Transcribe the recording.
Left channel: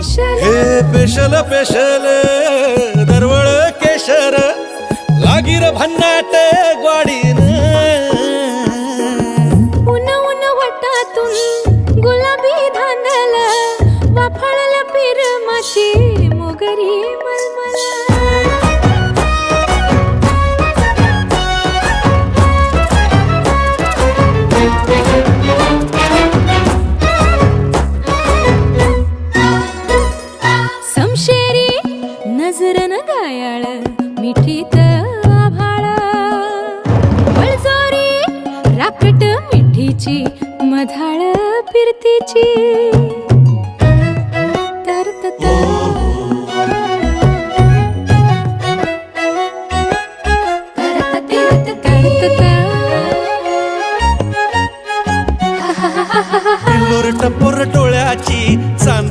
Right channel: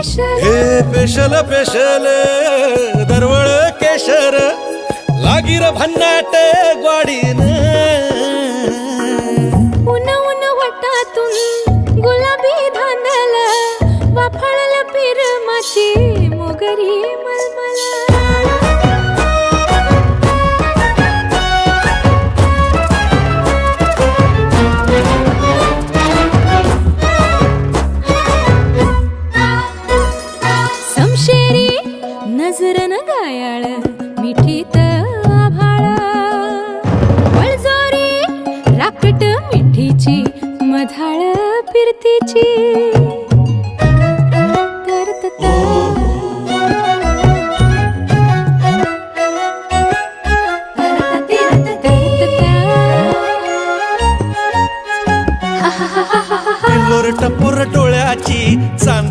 हे special special दरवळ केशर लागीर भन्नाट ग्वाडीन उन उन वटातून गुलाबी धांदल वाफाळल पिरमाची मोगरी मलमल समशेरी नजरन गायाळ मिठीत आभाळ बळजोरी राकट मिठीची मधाळ फिरतीची पिल्लोर टपोर डोळ्याची चांद